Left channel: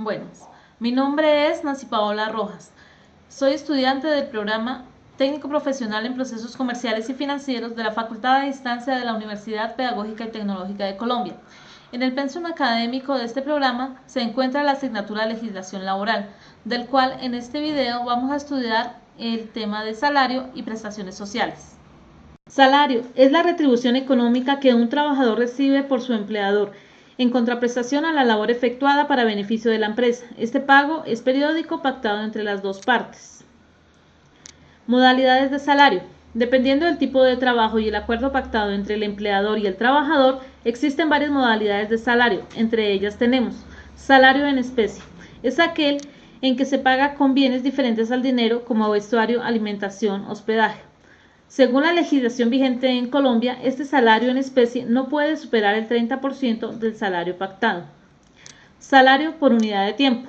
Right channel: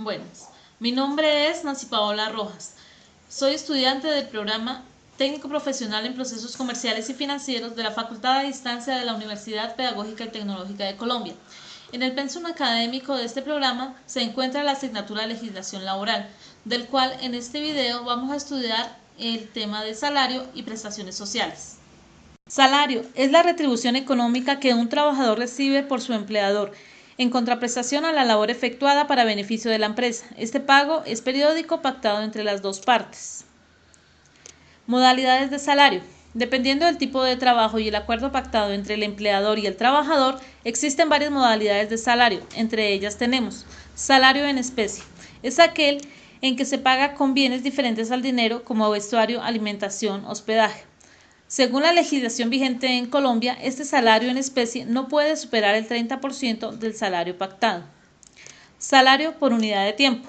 Buenas, mi nombre es Nancy Paola Rojas. Soy estudiante del programa Técnico Profesional en Procesos Comerciales y Financieros de la Facultad de Distancia de la Universidad Pedagógica y Tecnológica de Colombia. En el pensum académico de este programa se encuentra la asignatura de Legislación Laboral, del cual en este video vamos a estudiar el tema de salario y prestaciones sociales. Salario es la retribución económica que un trabajador recibe por su empleador en contraprestación a la labor efectuada para beneficio de la empresa. Este pago es periódico pactado entre las dos partes. Modalidades de salario. Dependiendo del tipo de trabajo y el acuerdo pactado entre el empleador y el trabajador, existen varias modalidades de salario. Entre ellas tenemos salario en especie. Es aquel en que se paga con bienes diferentes al dinero como vestuario, alimentación, hospedaje. Según la legislación vigente en Colombia, este salario en especie no puede superar el 30% del salario pactado. Salario por unidad de tiempo.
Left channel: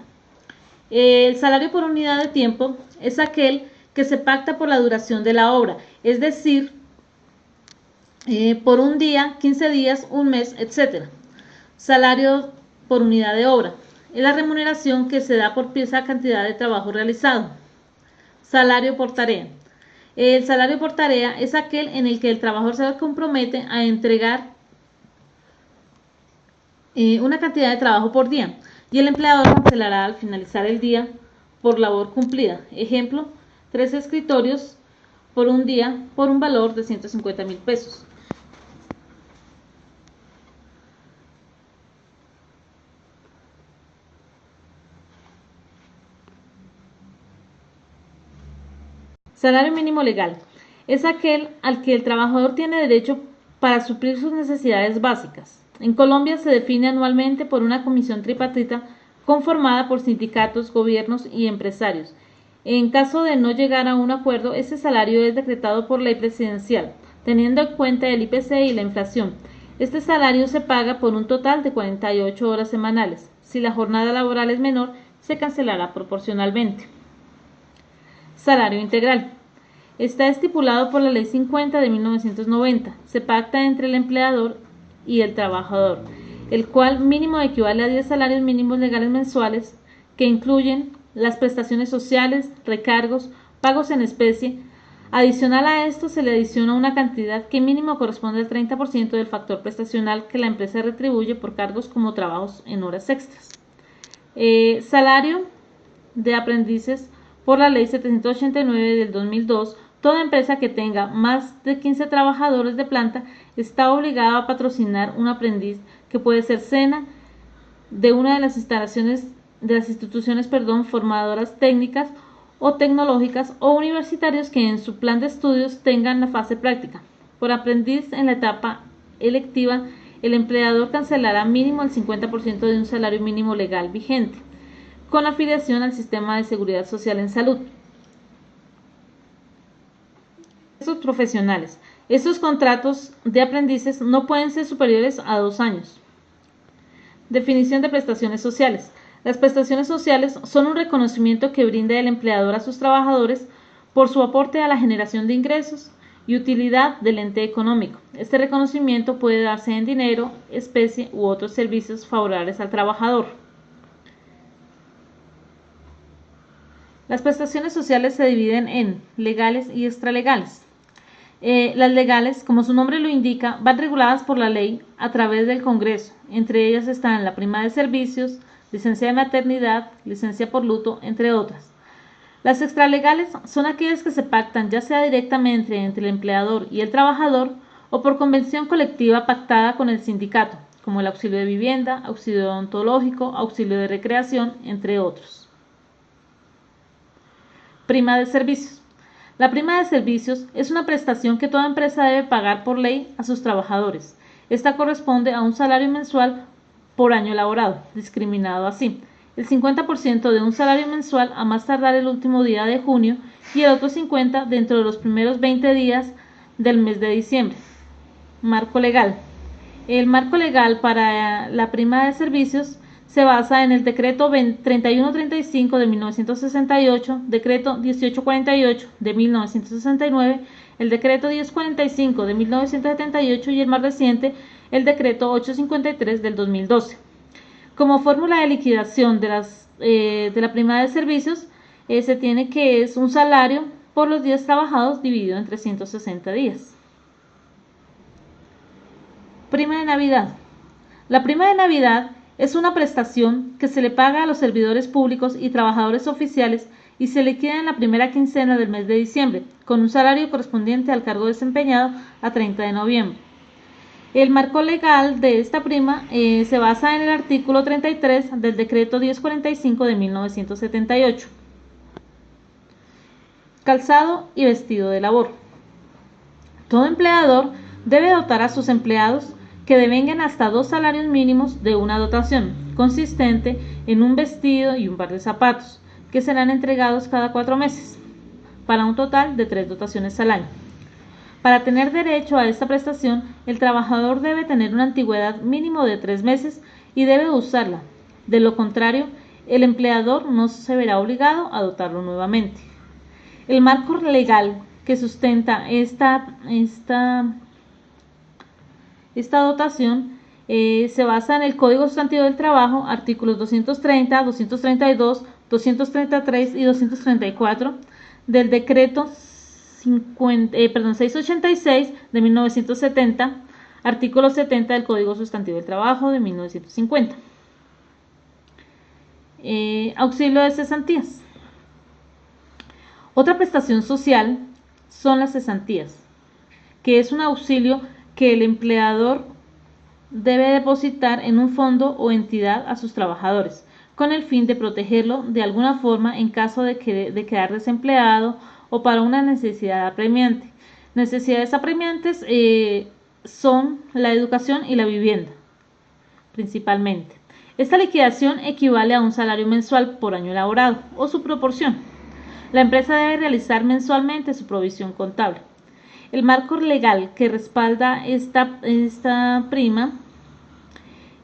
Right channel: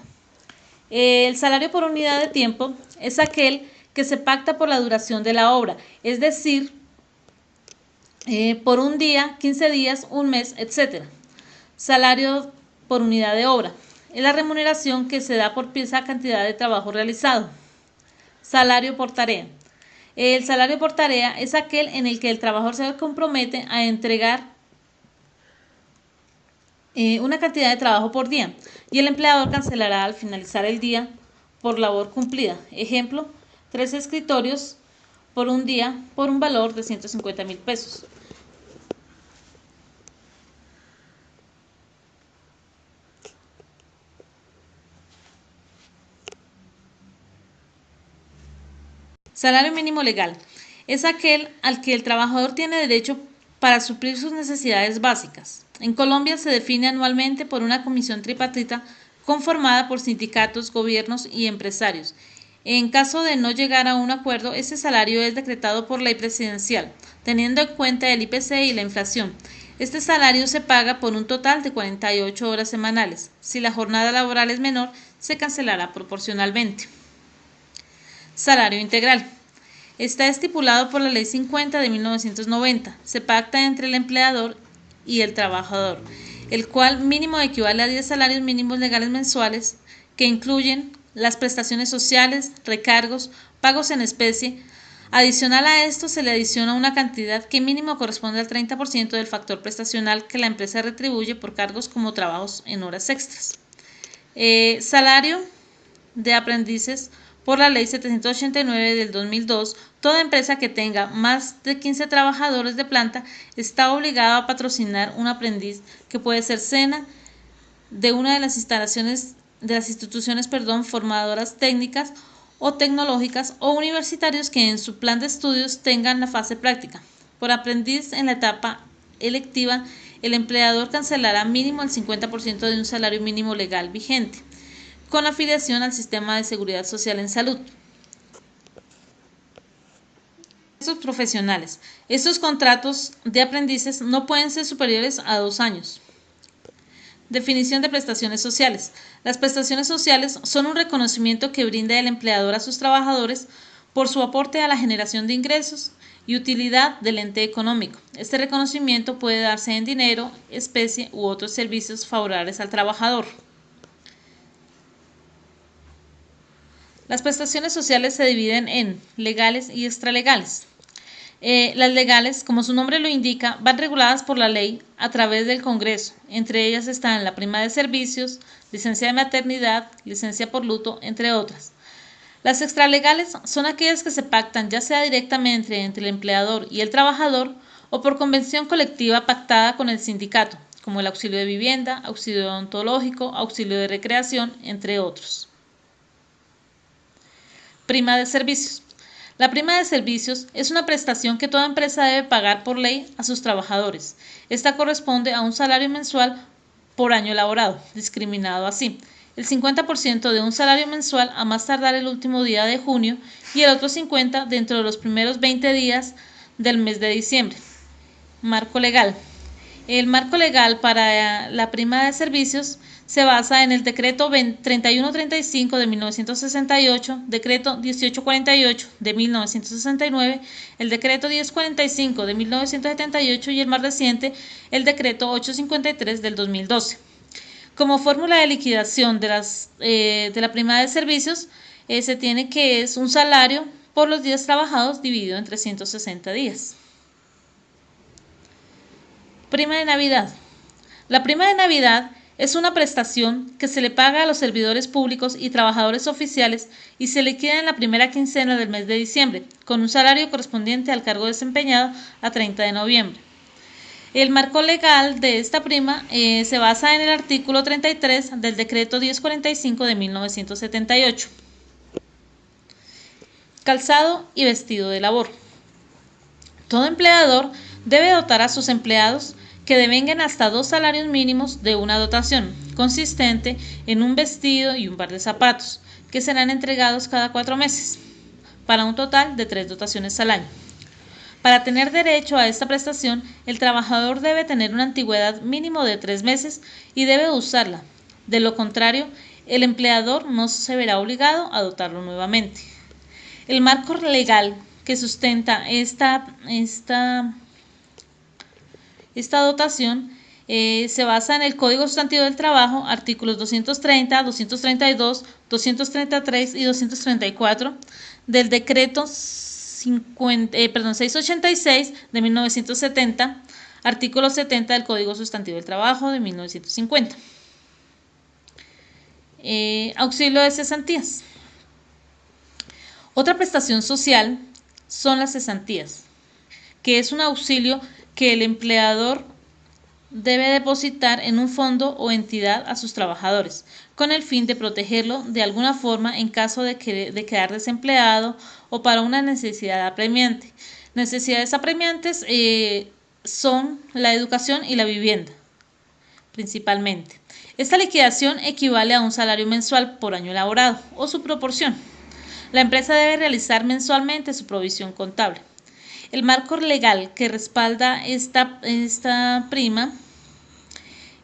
El salario por unidad de tiempo es aquel que se pacta por la duración de la obra, es decir, por un día, 15 días, un mes, etc. Salario por unidad de obra es la remuneración que se da por pieza cantidad de trabajo realizado. Salario por tarea. El salario por tarea es aquel en el que el trabajador se compromete a entregar una cantidad de trabajo por día y el empleador cancelará al finalizar el día por labor cumplida. Ejemplo, 3 escritorios por un día por un valor de 150.000 pesos. Salario mínimo legal es aquel al que el trabajador tiene derecho para suplir sus necesidades básicas. En Colombia se define anualmente por una comisión tripartita conformada por sindicatos, gobiernos y empresarios. En caso de no llegar a un acuerdo, ese salario es decretado por ley presidencial, teniendo en cuenta el IPC y la inflación. Este salario se paga por un total de 48 horas semanales. Si la jornada laboral es menor, se cancelará proporcionalmente. Salario integral. Está estipulado por la Ley 50 de 1990. Se pacta entre el empleador y el trabajador, el cual mínimo equivale a 10 salarios mínimos legales mensuales, que incluyen las prestaciones sociales, recargos, pagos en especie. Adicional a esto, se le adiciona una cantidad que mínimo corresponde al 30% del factor prestacional que la empresa retribuye por cargos como trabajos en horas extras. Salario de aprendices. Por la Ley 789 del 2002, toda empresa que tenga más de 15 trabajadores de planta está obligada a patrocinar un aprendiz, que puede ser SENA, de una de las instituciones formadoras técnicas o tecnológicas, o universitarios que en su plan de estudios tengan la fase práctica. Por aprendiz en la etapa electiva, el empleador cancelará mínimo el 50% de un salario mínimo legal vigente, con afiliación al sistema de seguridad social en salud. Estos profesionales. Estos contratos de aprendices no pueden ser superiores a 2 años. Definición de prestaciones sociales. Las prestaciones sociales son un reconocimiento que brinda el empleador a sus trabajadores por su aporte a la generación de ingresos y utilidad del ente económico. Este reconocimiento puede darse en dinero, especie u otros servicios favorables al trabajador. Las prestaciones sociales se dividen en legales y extralegales. Las legales, como su nombre lo indica, van reguladas por la ley a través del Congreso. Entre ellas están la prima de servicios, licencia de maternidad, licencia por luto, entre otras. Las extralegales son aquellas que se pactan ya sea directamente entre el empleador y el trabajador o por convención colectiva pactada con el sindicato, como el auxilio de vivienda, auxilio odontológico, auxilio de recreación, entre otros. Prima de servicios. La prima de servicios es una prestación que toda empresa debe pagar por ley a sus trabajadores. Esta corresponde a un salario mensual por año laborado, discriminado así: el 50% de un salario mensual a más tardar el último día de junio y el otro 50% dentro de los primeros 20 días del mes de diciembre. Marco legal. El marco legal para la prima de servicios se basa en el decreto 3135 de 1968, decreto 1848 de 1969, el decreto 1045 de 1978 y el más reciente, el decreto 853 del 2012. Como fórmula de liquidación de la prima de servicios, se tiene que es un salario por los días trabajados dividido en 360 días. Prima de Navidad. La prima de Navidad es una prestación que se le paga a los servidores públicos y trabajadores oficiales y se liquida en la primera quincena del mes de diciembre, con un salario correspondiente al cargo desempeñado a 30 de noviembre. El marco legal de esta prima se basa en el artículo 33 del decreto 1045 de 1978. Calzado y vestido de labor. Todo empleador debe dotar a sus empleados que devenguen hasta 2 salarios mínimos de una dotación, consistente en un vestido y un par de zapatos, que serán entregados cada 4 meses, para un total de 3 dotaciones al año. Para tener derecho a esta prestación, el trabajador debe tener una antigüedad mínimo de 3 meses y debe usarla. De lo contrario, el empleador no se verá obligado a dotarlo nuevamente. El marco legal que sustenta esta dotación se basa en el Código Sustantivo del Trabajo, artículos 230, 232, 233 y 234 del decreto 686 de 1970, artículo 70 del Código Sustantivo del Trabajo de 1950. Auxilio de cesantías. Otra prestación social son las cesantías, que es un auxilio que el empleador debe depositar en un fondo o entidad a sus trabajadores, con el fin de protegerlo de alguna forma en caso de quedar desempleado o para una necesidad apremiante. Necesidades apremiantes son la educación y la vivienda, principalmente. Esta liquidación equivale a un salario mensual por año laborado o su proporción. La empresa debe realizar mensualmente su provisión contable. El marco legal que respalda esta prima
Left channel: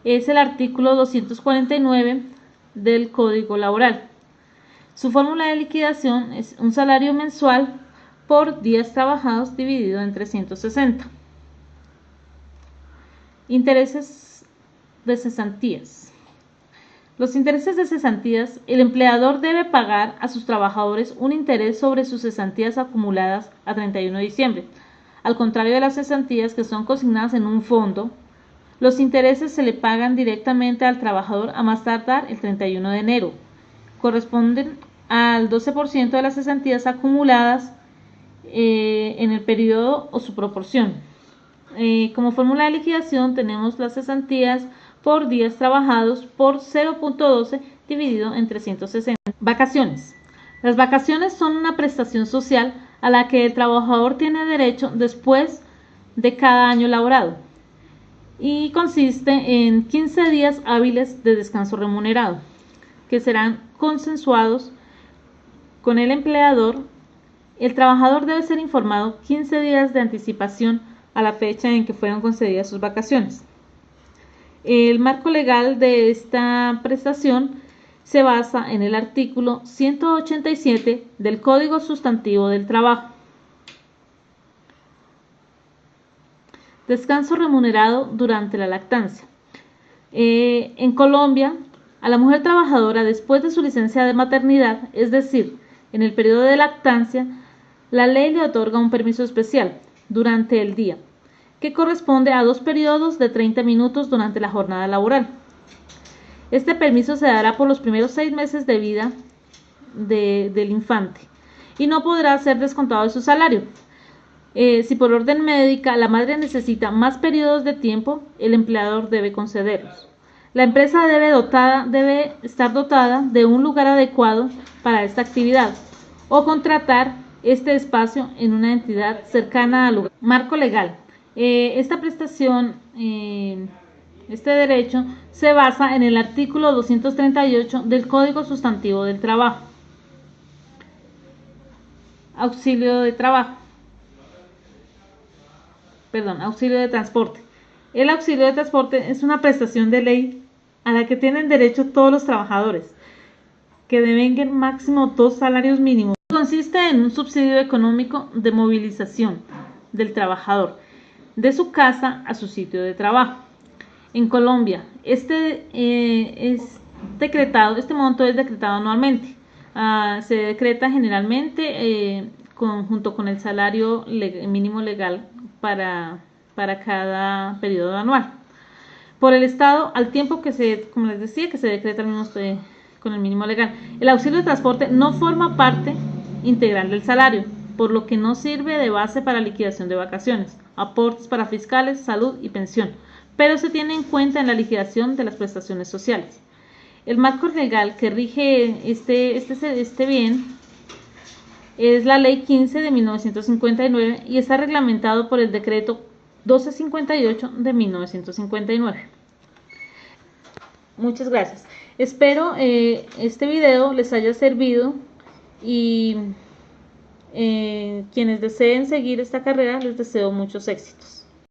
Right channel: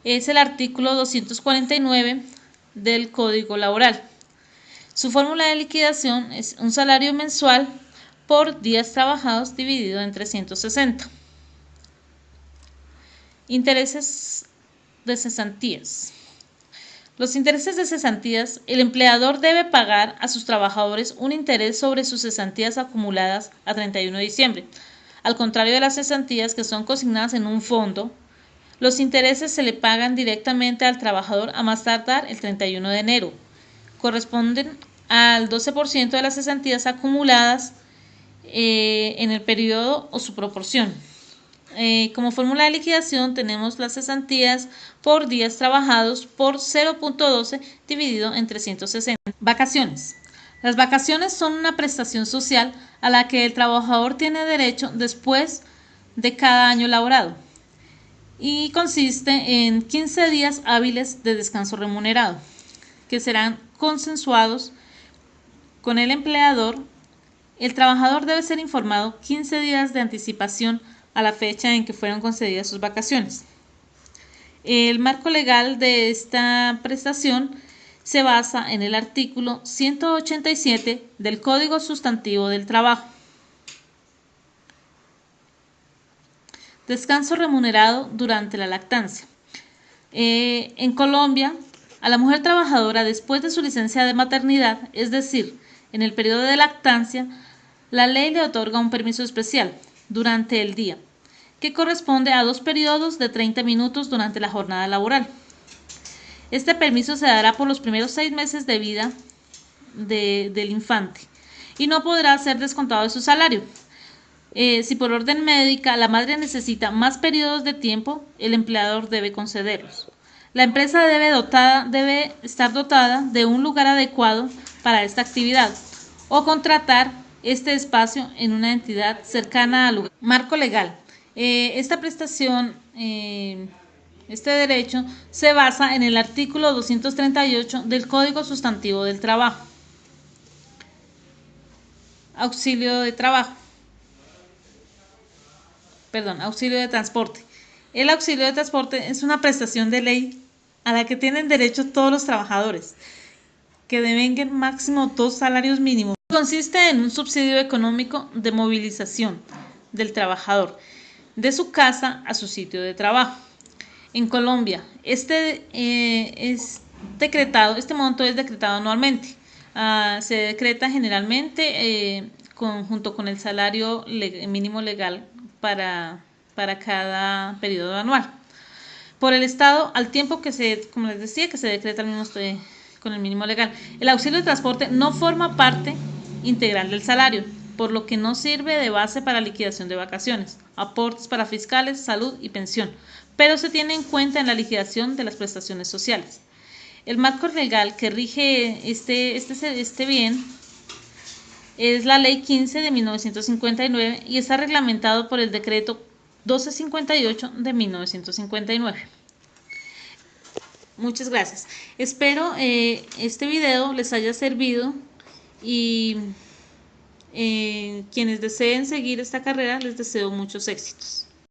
es el artículo 249 del Código Laboral. Su fórmula de liquidación es un salario mensual por días trabajados dividido en 360. Intereses de cesantías. Los intereses de cesantías, el empleador debe pagar a sus trabajadores un interés sobre sus cesantías acumuladas a 31 de diciembre. Al contrario de las cesantías que son consignadas en un fondo, los intereses se le pagan directamente al trabajador a más tardar el 31 de enero. Corresponden al 12% de las cesantías acumuladas en el periodo o su proporción. Como fórmula de liquidación tenemos las cesantías por días trabajados por 0.12 dividido en 360. Vacaciones. Las vacaciones son una prestación social a la que el trabajador tiene derecho después de cada año laborado y consiste en 15 días hábiles de descanso remunerado que serán consensuados con el empleador. El trabajador debe ser informado 15 días de anticipación a la fecha en que fueron concedidas sus vacaciones. El marco legal de esta prestación se basa en el artículo 187 del Código Sustantivo del Trabajo. Descanso remunerado durante la lactancia. En Colombia, a la mujer trabajadora después de su licencia de maternidad, es decir, en el periodo de lactancia, la ley le otorga un permiso especial durante el día, que corresponde a 2 periodos de 30 minutos durante la jornada laboral. Este permiso se dará por los primeros 6 meses de vida del infante y no podrá ser descontado de su salario. Si por orden médica la madre necesita más periodos de tiempo, el empleador debe concederlos. La empresa debe estar dotada de un lugar adecuado para esta actividad o contratar este espacio en una entidad cercana al lugar. Marco legal. Esta prestación, este derecho, se basa en el artículo 238 del Código Sustantivo del Trabajo. Auxilio de transporte. El auxilio de transporte es una prestación de ley a la que tienen derecho todos los trabajadores, que devenguen máximo 2 salarios mínimos. Consiste en un subsidio económico de movilización del trabajador de su casa a su sitio de trabajo. En Colombia, Este monto es decretado anualmente. Se decreta generalmente junto con el salario mínimo legal para cada periodo anual por el Estado, al tiempo que como les decía, que se decreta con el mínimo legal. El auxilio de transporte no forma parte integral del salario, por lo que no sirve de base para liquidación de vacaciones, aportes para fiscales, salud y pensión, pero se tiene en cuenta en la liquidación de las prestaciones sociales. El marco legal que rige este bien es la Ley 15 de 1959 y está reglamentado por el Decreto 1258 de 1959. Muchas gracias. Espero este video les haya servido y quienes deseen seguir esta carrera les deseo muchos éxitos.